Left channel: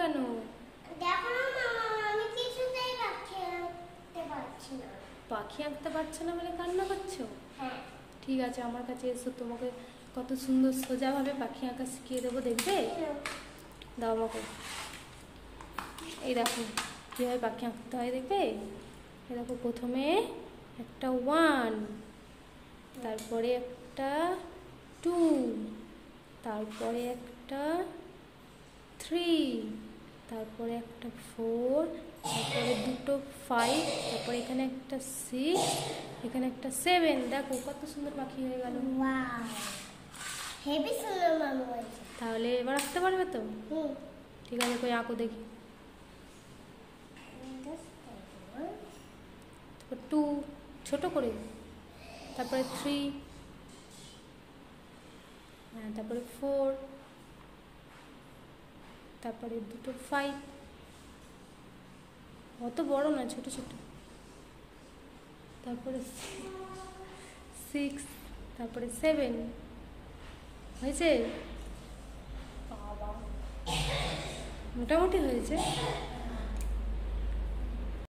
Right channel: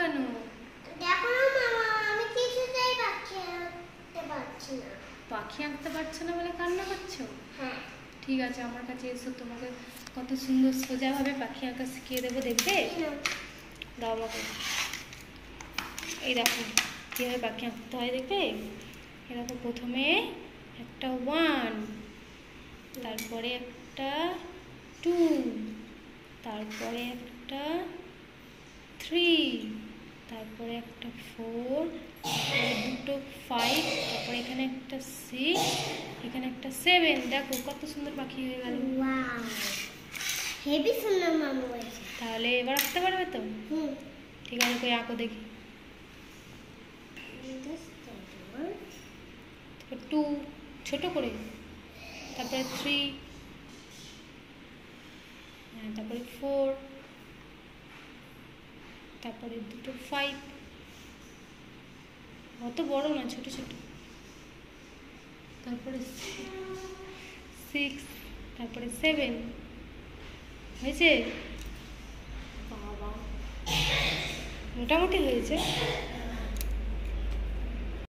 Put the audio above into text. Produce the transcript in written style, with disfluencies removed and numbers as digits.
কেন? দেখো না মামা, আমি কিছুতেই পাখি আঁকতে পারছি পাখি আঁকতে পারছো না। না বলে কান্না করছো? হ্যাঁ। ঠিক আছে, আমার কাছে এসো, তোমাকে কত সুন্দর সোজাভাবে পাখি আঁকা শিখিয়ে দেবো, দেখবে? দাও আমাকে। এই দেখো কীভাবে পাখি আঁকতে হয়, দেখবে? এরকম প্রথমে একটা 1, তারপরে একটা 2, তারপরে একটা 3, তারপরে একটা 4, তারপরে দুটো 5, তারপরে এখানে একটা 6, এখানে একটা 7। দেখো কত সুন্দর পাখি হয়ে গেল। ওয়াও, হেভি সুন্দর মামু হয়েছে। তাহলে এবার আঁকতে পারবে তো? ঠিক আছে, কই আঁকো দেখি। 2 ছোট করে, তারপরে 3, তারপরে 4, তারপরে দুটো 5, অত বড় না, ছোট ছোট, তারপরে 6, তারপরে 7 হয়েছে। বাবা, মোটামুটি হয়েছে।